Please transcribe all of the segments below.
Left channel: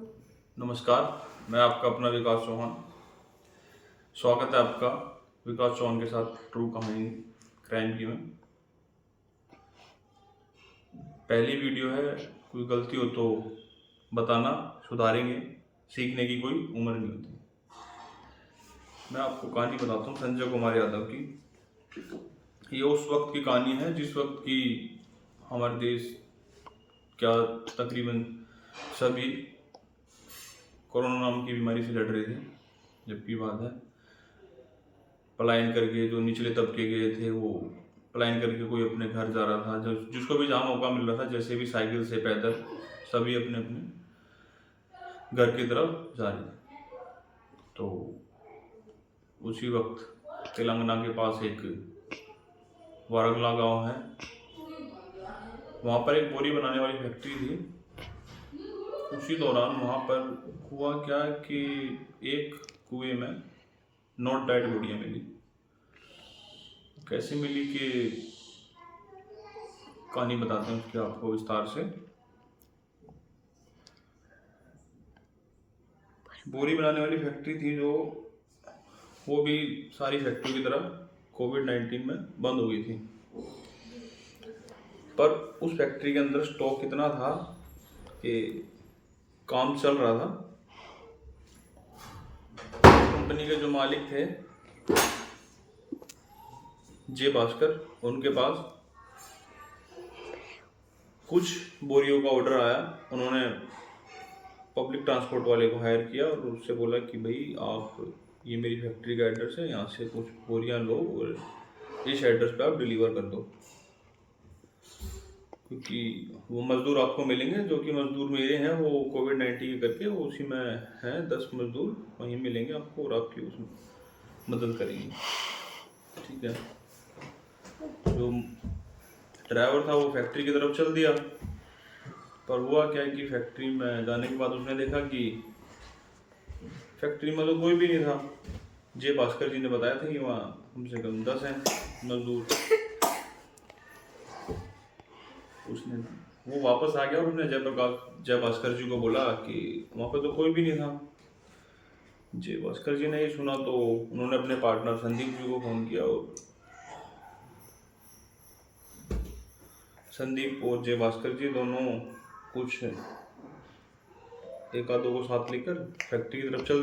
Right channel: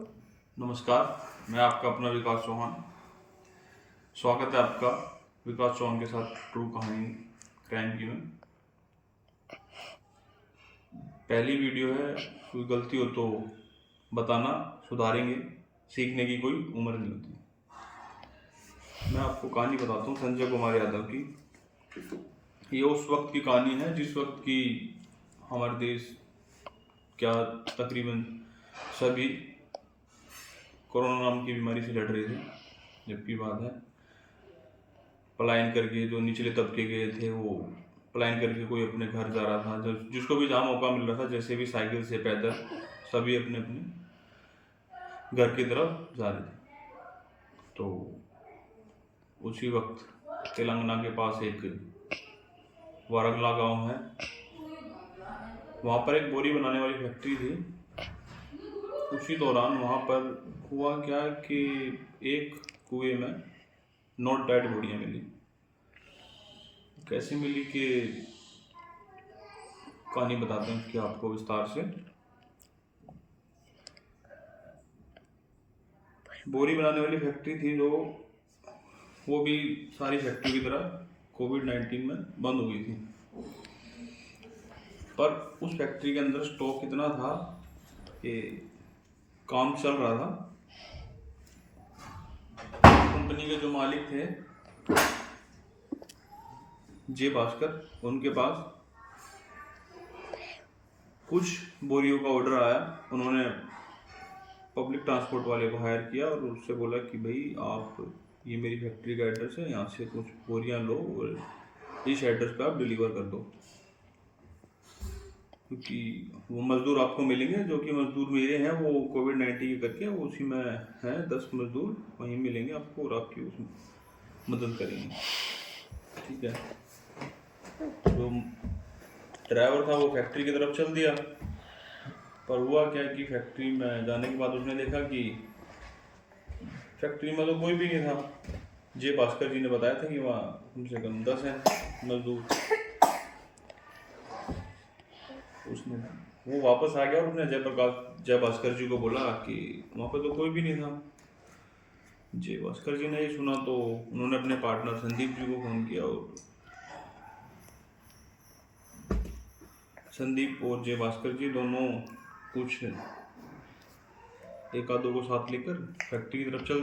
नमस्कार, मैं आपका अपना विकास चौहान। स्वागत है आपका विकास चौहान के साथ ट्रू कहानी क्राइम की में। पहली वीडियो है, कोई गलती हो तो बताना, सुधारेंगे। सीखने की कोई उम्र नहीं होती। मैं आपको कहानी बताता हूँ संजय कुमार यादव की। ये उस वक्त की कहानी है जिस वक्त की हमारे देश क्या तकरीबन सभी कोरोना नाम की बीमारी से लड़ रहे थे। जबकि बात है पलायन करके जो निचले तबके गए थे, वो पलायन करके कोई अपने घर जा रहा था, जो जिसको भी जहाँ मौका मिल रहा था, जैसे भी साइकिल से पैदल, सभी अपने अपने घर की तरफ जा रहे थे। तो उसी वक्त तेलंगाना के पास एक वारंगला गांव है, वहाँ पर एक बोरी बनाने वाली फैक्ट्री थी। उसी दौरान वहाँ पर हुआ क्या कि एक कुएं में नॉट डेड बॉडियाँ मिली। कैसे मिली कि कहानी बताते हैं उसकी आपको विस्तार से। बोरी बनाने वाली फैक्ट्री थी जो, वो भी सारी फैक्ट्री की तरह कोविड-19 में बंद हो गई थी। पर उस फैक्ट्री के अंदर स्टॉक इतना था कि काम चल रहा था। कंपनी के जो मालिक थे जे भास्कर, उनके पास कुछ बोरियों का ऑर्डर आया। उन्होंने पब्लिक ट्रांसपोर्ट वाले को हायर किया और उससे बोला कि भाई आप, ये मेरी फैक्ट्री का एड्रेस है, यहाँ से कुछ बोरियां लो और इस एड्रेस पे आप डिलीवर कर दो, क्योंकि वो मज़दूर आपको मिलेंगे जो कि मज़दूर मेरे हैं, वो कोविड-19 के करके वो उसी में हैं, 10 मज़दूर वहीं मिलेंगे आपको और आपकी उस मदद करेंगे। ठीक है। जो ड्राइवर था वो फैक्ट्री की तरफ चल दिया। पर हुआ क्या कि फैक्ट्री में जाने के बाद उसने देखा कि फैक्ट्री में तो कोई भी नहीं था। जे भास्कर जी ने बताया था कि वहाँ कम से कम 10 हैं मजदूर। उसने वो वापस आ गया और उसने जय भास्कर जी को बोला कि वहाँ पर तो कोई भी नहीं था। जय भास्कर जी ने ये सुना तो उन्होंने अपने पार्टनर संदीप जी को फोन किया और संदीप और जय भास्कर जी दोनों कुछ एक आधों को साथ लेकर फैक्ट्री की तरफ चल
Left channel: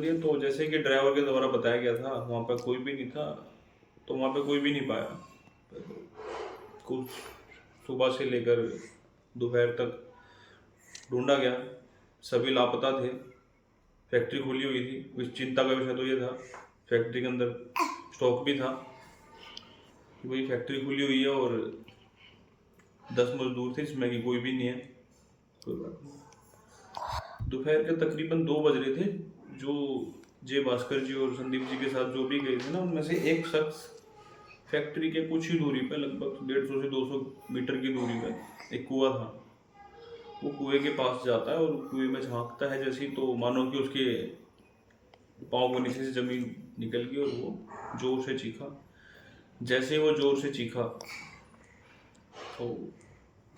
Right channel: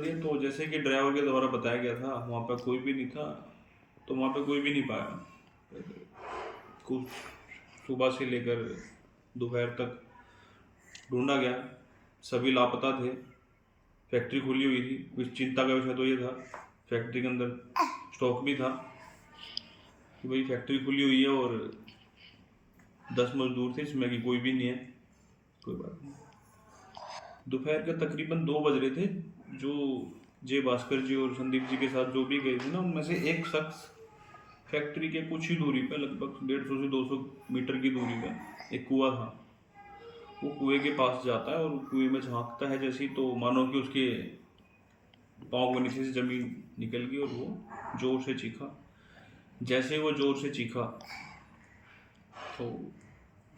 दिए। तो जैसे कि ड्राइवर के द्वारा बताया गया था वहाँ पर कोई भी नहीं था, तो वहाँ पर कोई भी नहीं पाया। कुछ सुबह से लेकर दोपहर तक ढूंढा गया, सभी लापता थे। फैक्ट्री खुली हुई थी। कुछ चिंता का विषय तो ये था, फैक्ट्री के अंदर स्टॉक भी था कि भाई फैक्ट्री खुली हुई है और 10 मजदूर थे जिसमें कि कोई भी नहीं है। कोई बात नहीं। दोपहर के तकरीबन 2 बज रहे थे। जो जे भास्कर जी और संदीप जी के साथ जो भी गए थे ना, उनमें से एक शख्स फैक्ट्री के कुछ ही दूरी पे, लगभग 150 से 200 मीटर की दूरी पे एक कुआं था। वो कुएं के पास जाता है और कुएं में झांकता है जैसे ही, तो मानो कि उसके पाँव के नीचे से जमीन निकल गई और वो जोर से चीखा। जैसे ही वो जोर से चीखा तो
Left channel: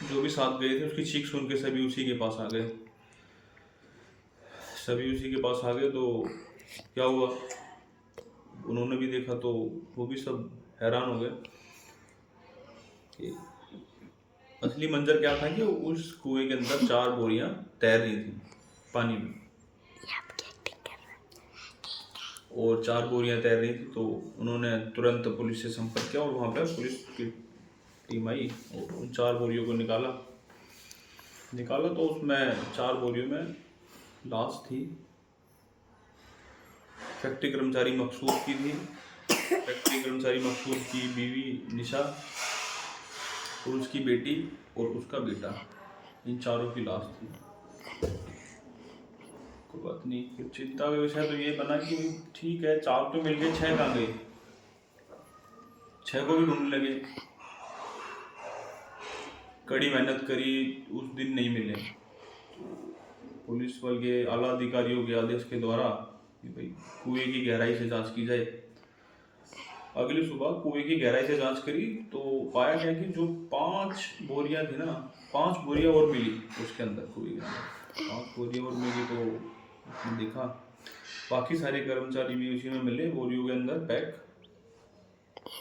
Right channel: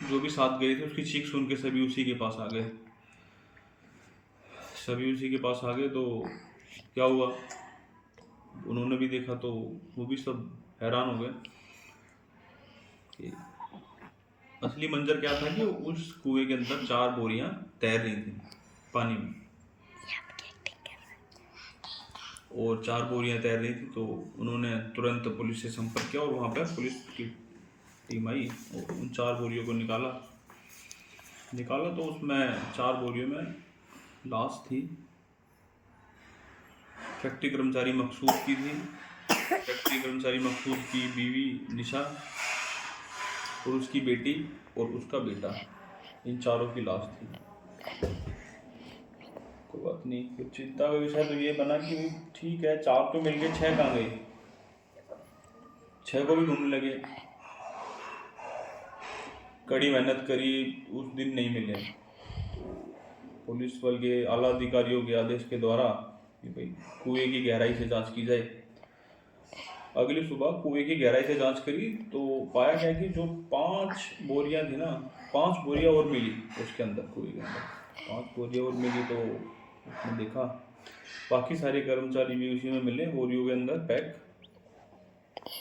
जो भी साथ गए थे उसकी चीख सुन के सभी उसी के पास आ गए। तो क्या हुआ, उन्होंने भी देखा तो वो भी सब हैरान हो गए कि असली मंजर क्या था कि उस कुएं के अंदर 4 बोरियां तैर रही थी पानी में, और 4 बोरियां तैर रही थी। तो उन्होंने तुरंत पुलिस से संपर्क किया और वहाँ पर पुलिस की टीम आई और उन 4 बोरियों को निकाला। तो उसमें 4 बोरियों में लाश थी। फैक्ट्री कर्मचारी मकसूद की थी। फैक्ट्री कर्मचारी मकसूद की बीवी निशा और उसकी बेटी और उसका बेटा, इन चारों की लाश थी। कोई बात नहीं। फिर चिंता का विषय तो ये बना कि ठीक है, 4 तो मिल गए, 6 कहाँ गए। 6 को भी ढूंढने लगे, कड़ी मेहनत करी, उस दिन नहीं मिले। पुलिस बल के आला अधिकारियों के आदेश के द्वारा कि भाई कुएं की गहराई से जांच की जाए। अगली सुबह कुएं की गहराई से जांच करी तो पाया गया कि जो 5 बोरियां थी ना, 5 बोरियां और मिली उसके अंदर, कुएं के अंदर 5 बोरियां और मिली। तो उसने देखा बाकी सारे कर्मचारी भी उसी में मिले, बोरियों के अंदर पैक,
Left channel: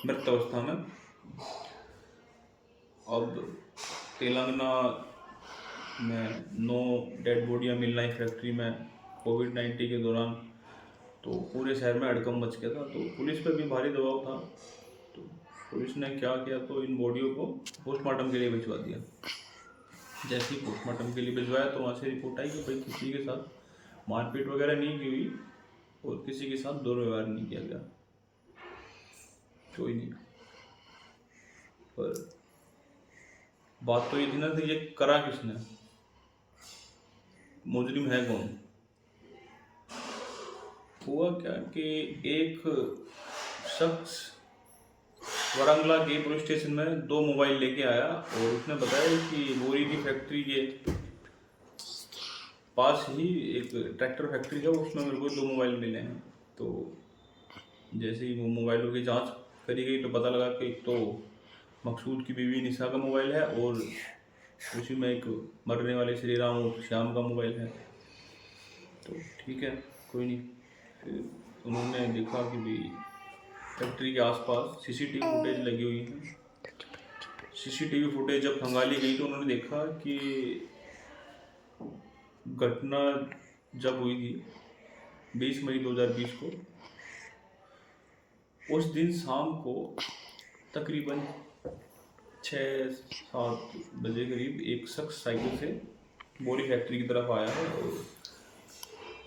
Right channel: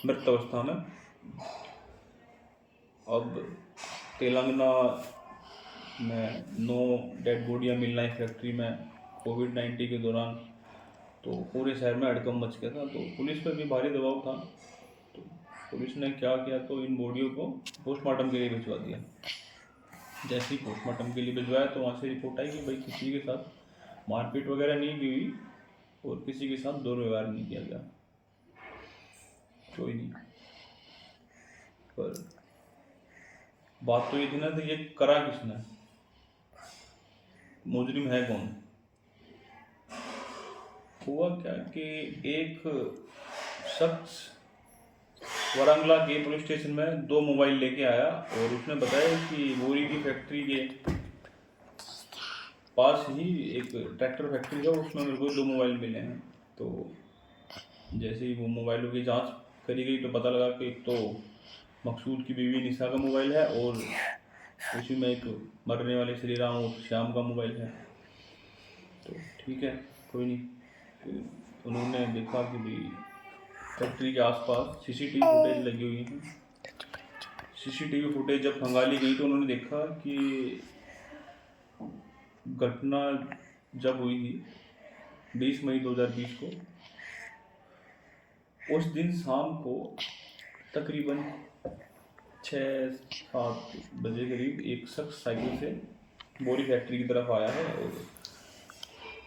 मृत अवस्था में। अब तेलंगाना में 9 डेड बॉडियाँ मिलना है फैक्ट्री में कोविड-19 के दौरान। तो पूरे शहर में हड़कंप मच गया था। तो पुलिस पर भी भारी दबाव था। तो पुलिस ने क्या किया, तो इन बॉडियों को पोस्टमार्टम के लिए भिजवा दिया। जैसे ही पोस्टमार्टम के लिए भिजवाया तो वहाँ से रिपोर्ट आई कि भाई किसी के साथ मारपीट वगैरह नहीं की हुई और किसी के साथ दुर्व्यवहार नहीं किया गया, कोई नहीं। पर बात तो ये थी ना कि ये करा किसने, मुजरिम है कौन। हुआ क्या कि एक शख्स वारंगला के पुलिस स्टेशन में 2 मोबाइल लेके आया और उसने बताया कि बोरी की फैक्ट्री के पास ही एक ट्रैक्टर फैक्ट्री का, उसमें मेरे को 2 मोबाइल मिले हैं। तो जैसे ही वो मोबाइलों की जांच करी गई तो पता लगा कि एक तो मकसूद की बीवी निशा का मोबाइल है और उसी में एक मरने वाले श्री राम और श्याम का मोबाइल है। तो ठीक है, कोई नहीं। फिर उन्होंने देखा कि भाई फैक्ट्री के आसपास सीसीटीवी फुटेज लगी हुई है। सीसीटीवी फुटेज जब खंगाली गई तो उन्होंने देखा कि घटना जब हुई थी 20 मई 2020 को, उस दिन शाम को तकरीबन 6-7 बजे करीब एक शख्स साइकिल से बोरी फैक्ट्री की तरफ आया है और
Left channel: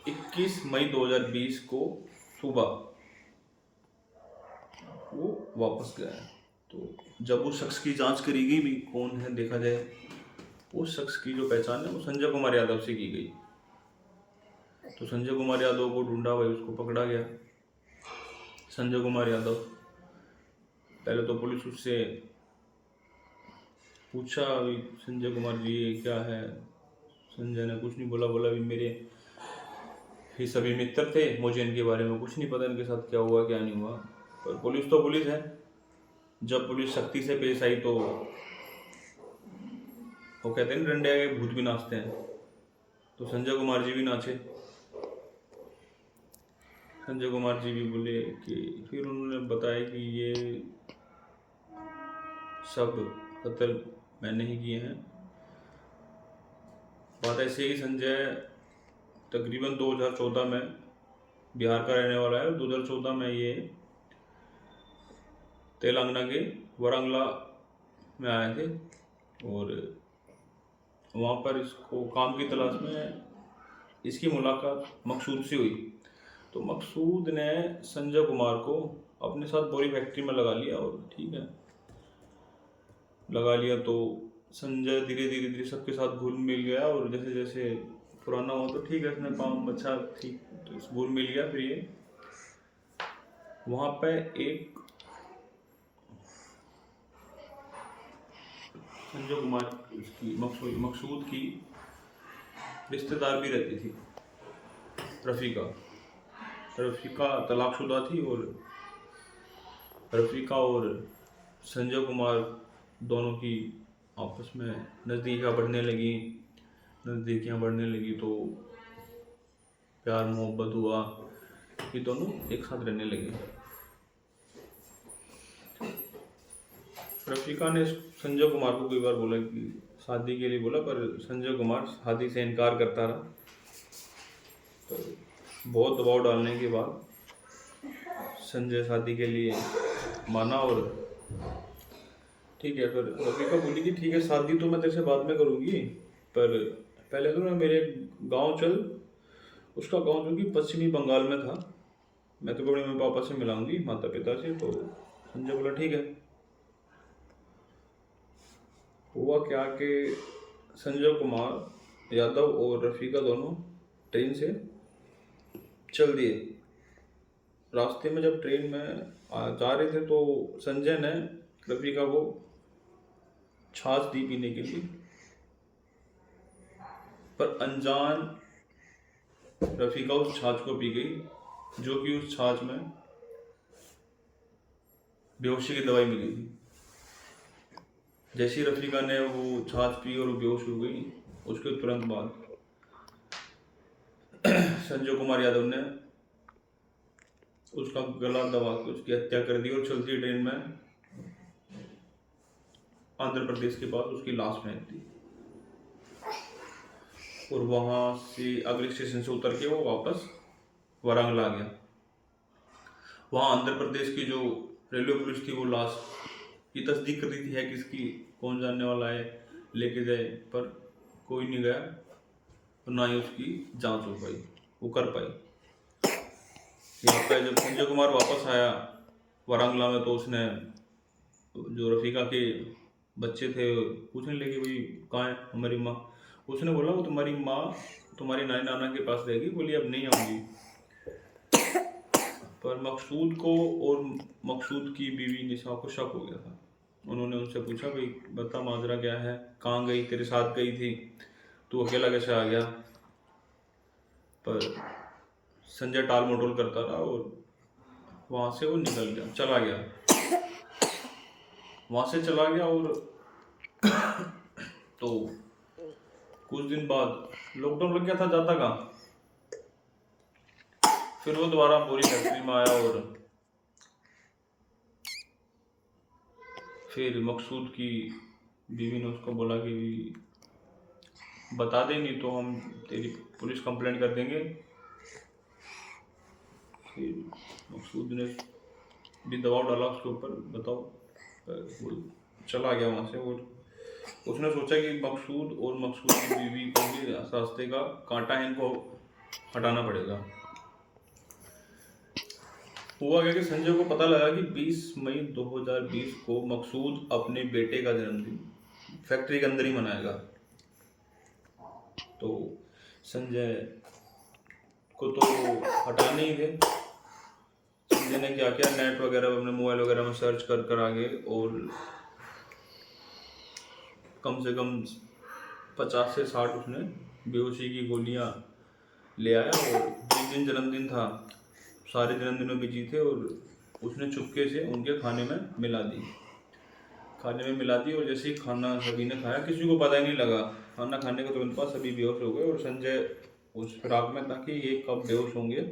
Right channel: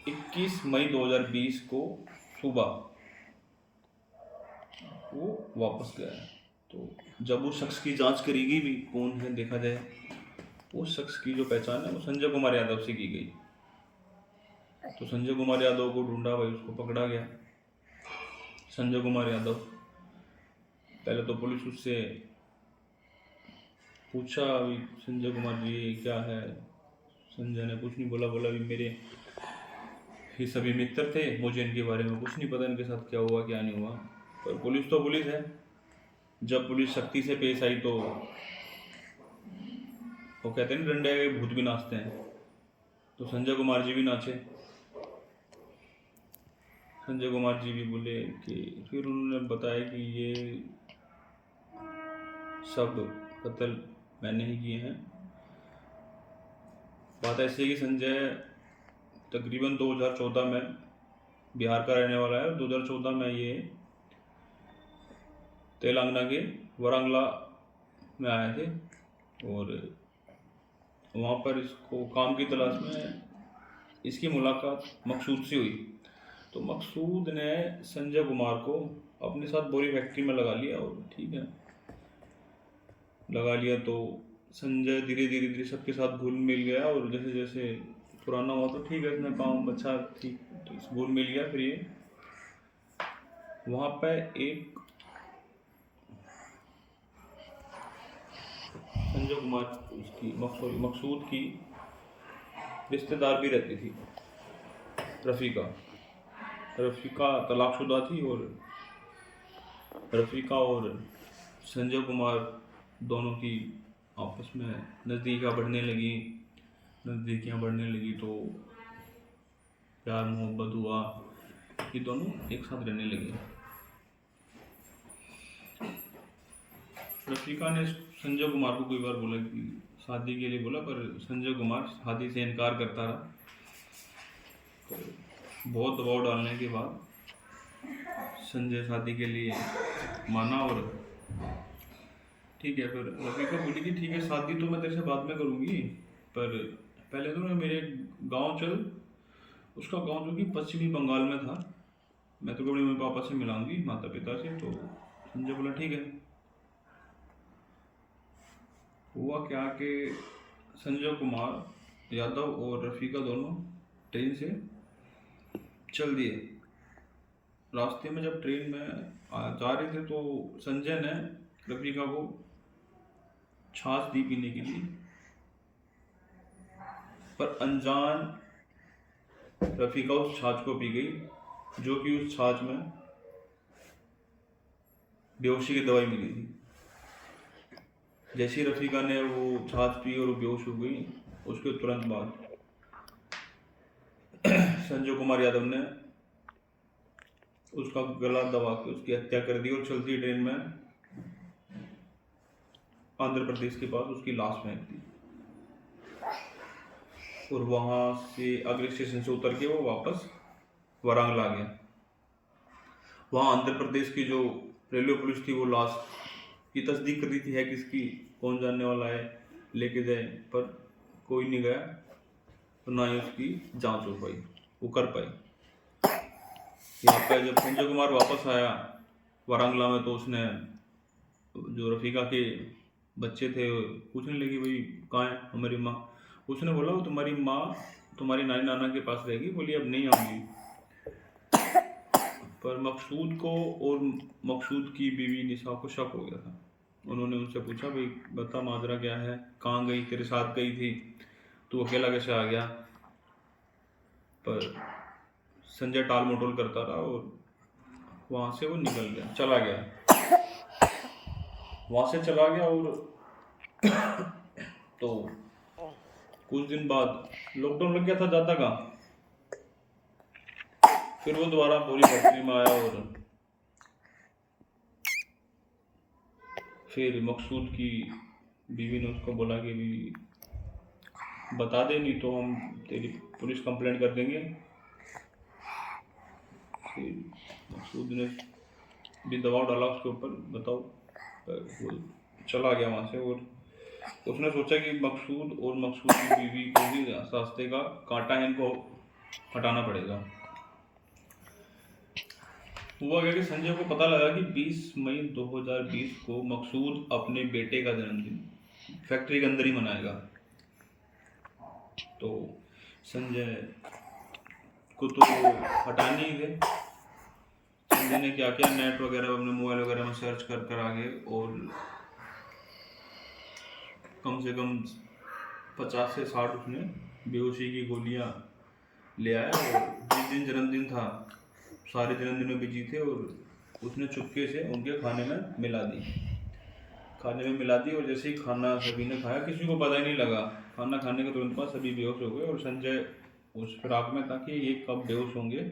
21 मई 2020 को सुबह वो वापस गया। तो जब उस शख्स की जांच करी गई भी कौन है देखा जाए, उस शख्स की जो पहचान है वो संजय कुमार यादव से की गई। तो संजय कुमार यादव को ढूंढा, भाई उसको पकड़ा गया। संजय कुमार यादव, पहले तो पुलिस उससे पूछा अभी संजय कुमार जी क्या है। संजय ने कुछ नहीं बोला, बोला भी मेरे ये सभी मित्र थे, मुझे इनके बारे में कुछ नहीं पता, इनके साथ क्या हुआ क्या नहीं हुआ। पर पुलिस तो पुलिस है, जब पुलिस शक्ति से पेश आई तो वो कहते हैं डंडे आगे भूत भी नाचते हैं। तो संजय कुमार जी भी नाचे। संजय कुमार जी भी बोले कि फिर उन्होंने बताया कि ये सब कत्ल मैंने ही किए हैं। बात ऐसे ही संजय तकरीबन 2014 में बिहार का रहने वाला है। 2014 में ये तेलंगाना के वारंगला में आए थे और वहाँ पर इसको काम की तलाश में इसकी मुलाकात मकसूद से हुई। तो मकसूद ने संजय कुमार को अपने साथ बोरी फैक्ट्री में लगा लिया और ठीक है लगा लिया। तो संजय धीरे धीरे सबके साथ घुल मिल गया और जैसे जैसे पुराना हुआ तो ठीक है, इसमें काम अच्छा ठीक तो घुल मिल गया। फिर ये वहाँ पे एक संजय कुमार उसकी मकसूद की रिश्तेदार भी रहती थी, रफ़ीका तलाकशुदा थी और रफ़ीका और संजय कुमार दोनों की आपस में नज़दीकियाँ बढ़ने लगी तो प्यार मोहब्बत हुआ, ये दोनों एक साथ रहने लगे। रफ़ीका ने संजय कुमार को कई बार बोला कि शादी के लिए बोला, पर संजय कुमार शादी से इनकार करता रहा। बहुत दबाव डालने के बाद संजय शादी के लिए माना और ठीक है। फिर रफ़ीका बोली कि ठीक है शादी तो मैं तेरे से बाद में करूँगी, पर पहले तो मैं मेरे गांव चल। उसका गांव जो कि पश्चिमी बंगाल में था, मैं तो अपने मम्मी पापा से मिलाऊंगी, माता पिता से। तो संजय बोला ठीक है। हुआ क्या कि संजय कुमार यादव और रफ़ीका दोनों ट्रेन से चल दिए। रास्ते में जब ट्रेन में जा रहे थे तो संजय ने रफ़ीका को छाछ दी पीने के लिए, पर अनजान रफ़ीका उस छाछ को पी गई, जो कि उस छाछ में बेहोशी की दवाई मिली थी। जैसे ही रफीका ने वो छाछ पी और वो बेहोश हो गई, उसके तुरंत बाद संजय कुमार यादव ने उसका गला दबा के उसकी हत्या कर दी और चलती ट्रेन में आंध्र प्रदेश के पास उसकी लाश फेंक दी। और वहां से अगले स्टेशन से उतर के वो वापस वारंगल आ गया। वहाँ आंध्र प्रदेश की जो रेलवे पुलिस थी वो लाश की तस्दीक कर रही थी है किसकी, कौन जानने वाला है, लेके जाए, पर कोई नहीं गया, तो ना ही उसकी जांच हो पाई, वो कर पाई। यहाँ पे जब संजय कुमार वापस आया वारंगला में, तो उसने जो रफीका के बच्चे थे पूछने लगे भाई कहाँ है हमारी माँ। उसने बोला वो तुम्हारी माँ तुम्हारी नानी नाना के पास रहेगी, बोली अब नहीं आऊँगी। पर मकसूद को और मकसूद की बीवी निशा को शक हो गया था। उन्होंने उनसे पूछा भाई बता माजरा क्या है, कहाँ गई, तेरे साथ गई थी, तू अकेला कैसे आ गया। पर संजय टाल मटोल करता रहा और वहाँ से वो निकल गया, चला गया, वहाँ से चला गया। और तो कुछ दिन बाद लॉकडाउन लग गया था, जाता कहाँ। फिर वो दोबारा पूरी फैक्ट्री में आया और फिर मकसूद की बीवी ने उसको बोला कि भी बता दे, नहीं तो हम तेरी पुलिस कंप्लेंट कर देंगे। फिर मकसूद ने भी दबाव डाला उसके ऊपर, बताओ, वो चला गया वहाँ से। और उसने सोचा कि मकसूद और मकसूद की बीवी को भी रास्ते का कांटा इनको हटाना पड़ेगा। हुआ क्या कि संजय को पता लगा कि 20 मई 2020 को मकसूद अपने बेटे का जन्मदिन फैक्ट्री के अंदर ही मनाएगा। तो संजय को तो हटाने ही थे। संजय ने क्या किया, नेट वगैरह अपने मोबाइल वगैरह में सर्च कर कर आगे और कम से कम 50 से 60 उसने बेहोशी की गोलियां ले आया। और जिस दिन जन्मदिन था सारे जन्मदिन में बिजी थे, और उसने चुपके से उनके खाने में मिला दी। और जैसे ही खाना सभी ने खाया, किसी को पता ही नहीं लगा, खाना खाने के तुरंत बाद सभी बेहोश हो गए। और संजय उस फिराक में था कि ये कब बेहोश होंगे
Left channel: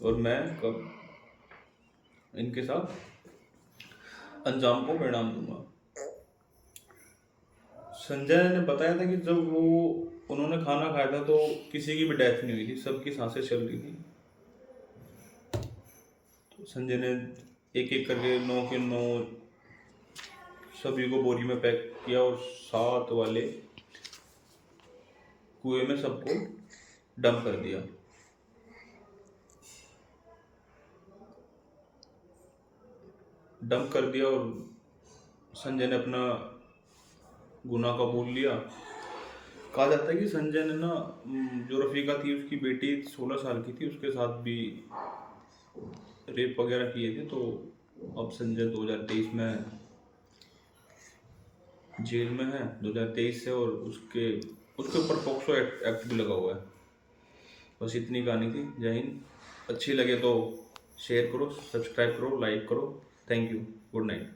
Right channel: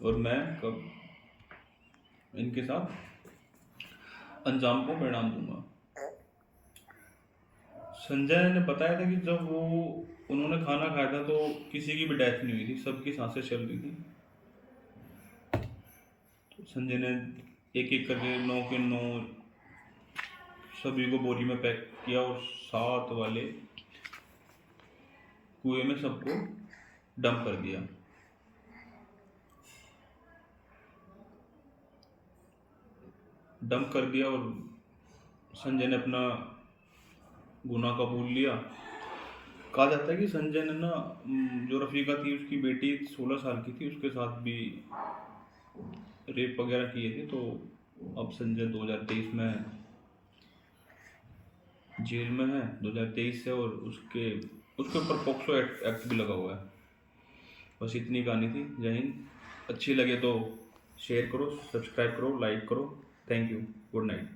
और मैं कब इनके साथ अंजाम को परिणाम दूंगा। संजय ने बताया था कि जब वो उन्होंने खाना खाया था तो किसी की भी डेथ नहीं हुई थी, सबकी सांसें चल रही थी। तो संजय ने एक एक करके 9 के 9 सभी को बोरी में पैक किया और 7 वाले कुएं में सबको डंप कर दिया। और संजय ने अपना गुनाह कबूल लिया। कहा जाता है कि संजय ने ना, जो रफीका थी उसकी बेटी 16 साल की थी, उसके साथ भी रेप वगैरह किए थे। तो अब संजय 2023 में जेल में है, 2023 से, और उसके ऊपर पोक्सो एक्ट भी लगा हुआ है। बस इतनी कहानी थी। जय हिंद। अच्छी लगे तो शेयर करो, सब्सक्राइब करो, लाइक करो। Thank you. Good night.